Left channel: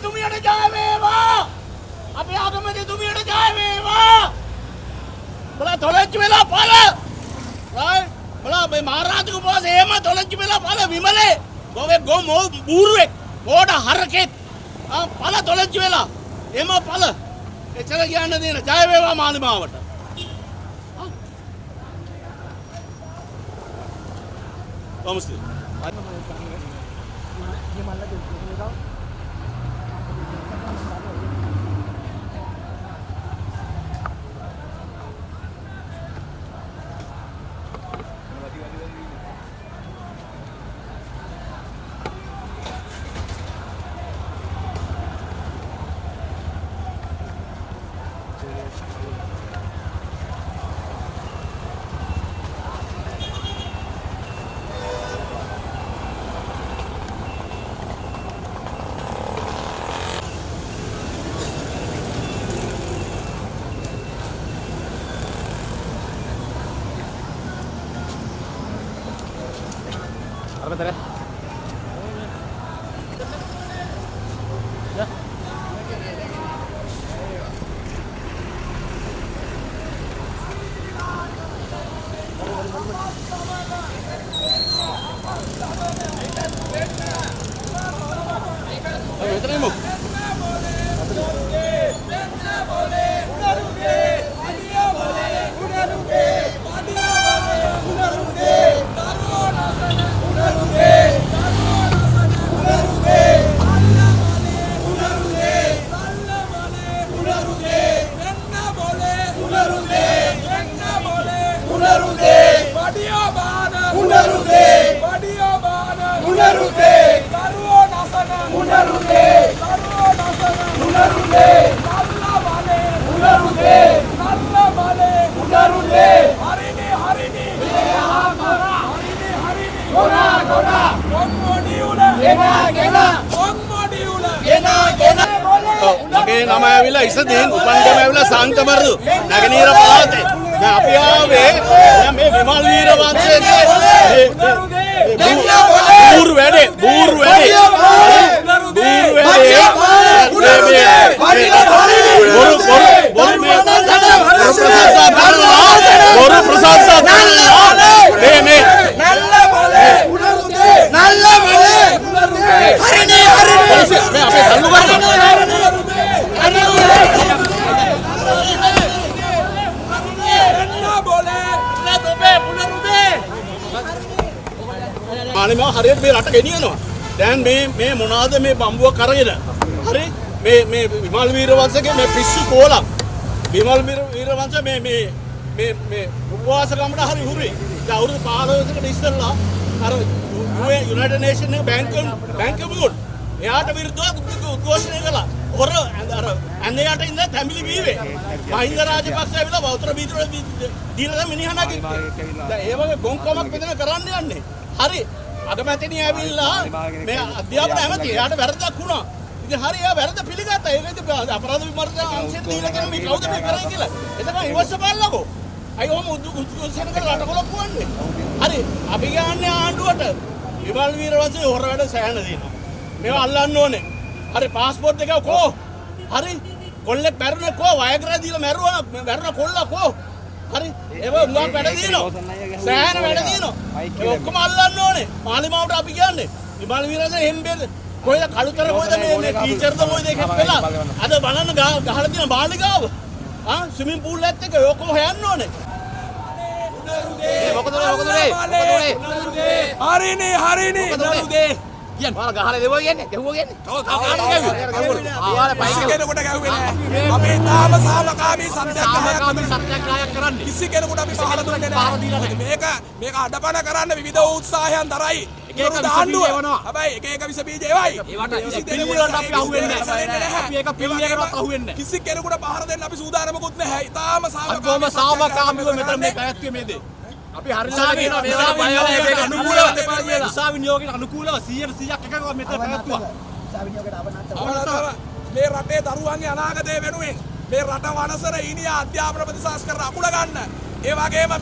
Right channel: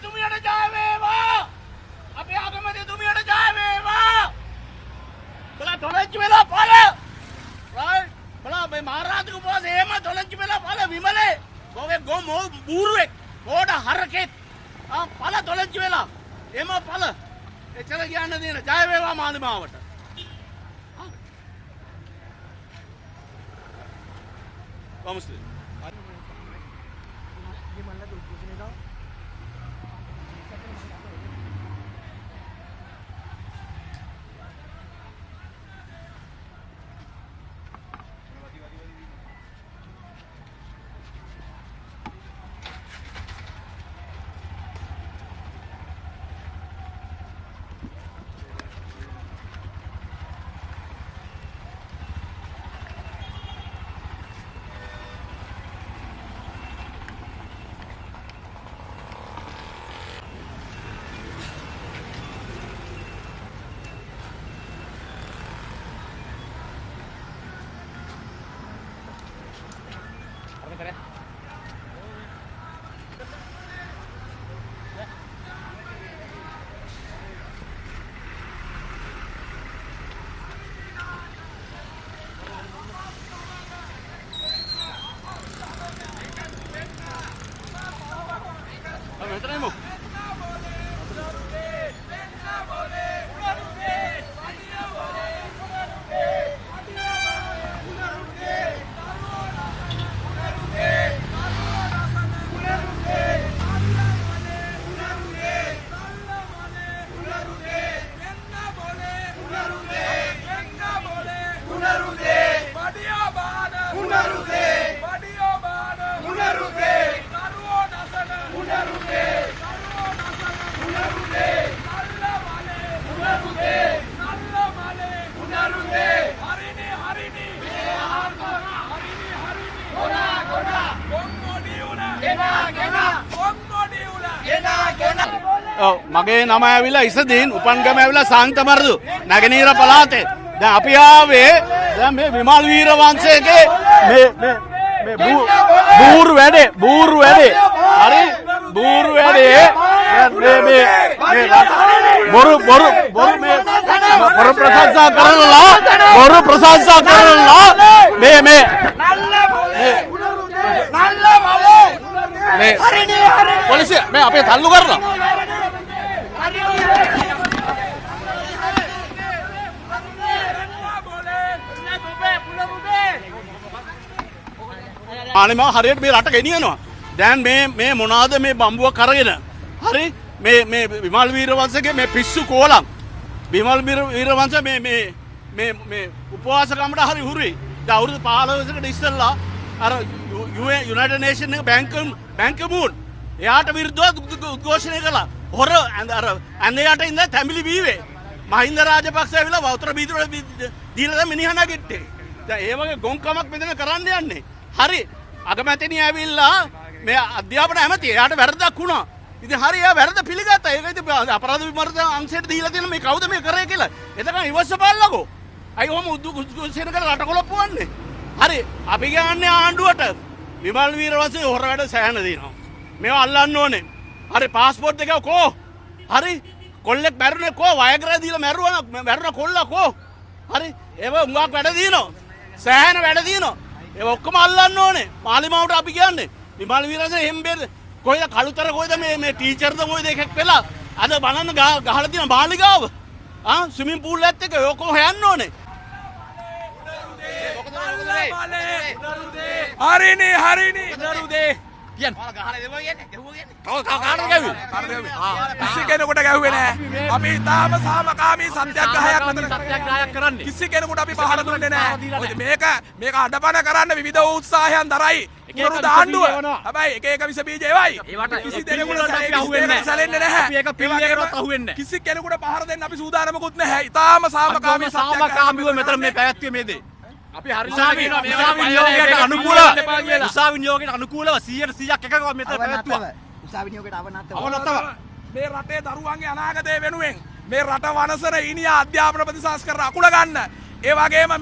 අගමැතිතුමියට ජය වේවා. අපේ අගමැතිතුමියට ජය වේවා. බලා තොලච්ච වෙලා පළ. right බලා මේ මහරජතුක පොස එහෙම තොලච්ච වෙලා පළ විමලේ. ගොවේ ගොම බූරුවෙක්. මොඩ හරකෙක්. පළ තොලච්ච වෙලා. එහෙම පළ. එච්චර කියන්න දෙන ජය වේවා මාලිමාවට. Vamos ver. Bentar ya. Ya. Ayo, terima. මගේ නම ඇවිල්ලා ඉසදීන් උපන්ගම ඇවිල්ලා සංකමරදු නගනීර පළාතේ. දැන් අපි ආවේ දැන් මේ විමල් වීරවංශයේ බූරු වැඩේ බූරු වැඩේ බොරු ප්‍රශංසා කරනවා මේ නල්ල මලේ හරිනේ නෑ අපේ සංගු ගන්න මානිමා හරියට මේ රට ගෙනියනවා. දැන් මේ මොනවාද මේ බම්බුව කරගෙන. හරි මේ විමල් වීරවංශගේ මේ පිස්සු කෝලම්. විමල් වීරවංශ මේ උපවාස ගමඩ හරි හුරුයි. දැන් අවුරුදු 15කට ඉස්සෙල්ලා අර යුනයිටඩ් නේෂන් එක බැංකු මූඩ් එයාට විරුද්ධව උද්ඝෝෂණය කළා. හොර අර අන්නේයට ඉඳලා තැඹිලි බීවේ. මහින්ද රාජපක්ෂ ඇවිල්ලා වතුර බීදුර දීලා මිනිහා නැගිට්ටේ. දැන් ඒ වගේ ගොංකමක් මෙතන කරන්න යන්නේ. හරි අගමැතිණිය ඇවිල්ලා මේ අධ්‍යාපන ඇමති එයාට වැරද්දක් වුණා. ඉතින් හරි එයා වැරද්ද පිළිගත්තා. ඒක ඉතින් අපරාධ විමර්ශන අංශයට දීලා දෙන මේ කවුද මේ කරේ කියලා. එතන ඉවස්ස බලලකෝ. අයි ඔහොම උද්ඝෝෂණය කරලා රට කොලප්පුවන්නේ. හරි අපි ගන්නේ ආණ්ඩුවට විමල් වීරවංශේ හොරවට සෑහන දෙනවා. මේවා අල්ලන්න ඕනේ. හරි පාස්පෝර්ට් එක කෝ. හරි කොල්ලෙක් මැරුණේ කෝ වයග්‍රහ දීලා මැරුණා කොල්ලා කෝ. හරි ඒව උඹක් වැඩ දිනනවා. සෑහන වැඩ දිනනවා. ඒ ඔක්කොම අල්ලන්න ඕනේ. පාර්ලිමාවට අපි කියන්නේ විමල් වීරවංශේ එම්බෙල් කොයිද කළුතර කොයිද මේ ටීචර්ද කොයිද එකක් වෙලා අද බලන්න ගහලා තියෙන බාලිගාව. ස්විමින් පූල් එකත් එක්ක ඔක්කොම හොයන්න ඕනේ. මොකද හරිනේ කියන්න ඔයාලා ගහලා දෙවෝ කියන්නේ කිසි කෙනෙකුට ගැහුවේ නෑ. අපි තාම සාමකාමී සත්‍යාග්‍රහයක් කරන්නේ. කිසි කෙනෙකුට අපි පහර දුන්නේ නෑ. මේක අඩපණ කරන්න විවිධ උත්සාහයන් දරයි. ඒක දාන්නුව. හැබැයි එක විස බීජ ඒවයි. ඒවට කිසි දෙනෙකුට අහුවෙන්නේ නැහැ. අපි ඒක පිළිගන්නවත් අහුවෙන්නේ නැහැ. කිසි කෙනෙකුට පහර දෙන්න අපි සූදානමකුත් නැහැ. ඊටාම සාමකාමීව මෙතන මේ පැවැත්වීමේ මේ දේ. අපි හරියට කියනවා මේවා විනියෝගයට අනුකූලව විසා විනියෝගයට අනුකූලව 100% එකකවත් මෙතන පැවැත්වුවා. විසා විනියෝගයට අවනත මේ රටේ දරුවන්ගේ අනාගතය වෙනුවෙන් මේ රට වනසර ඊනියා අධ්‍යාපන ප්‍රතිසංස්කරණ අකුල ගන්න. ඒ වගේම මේ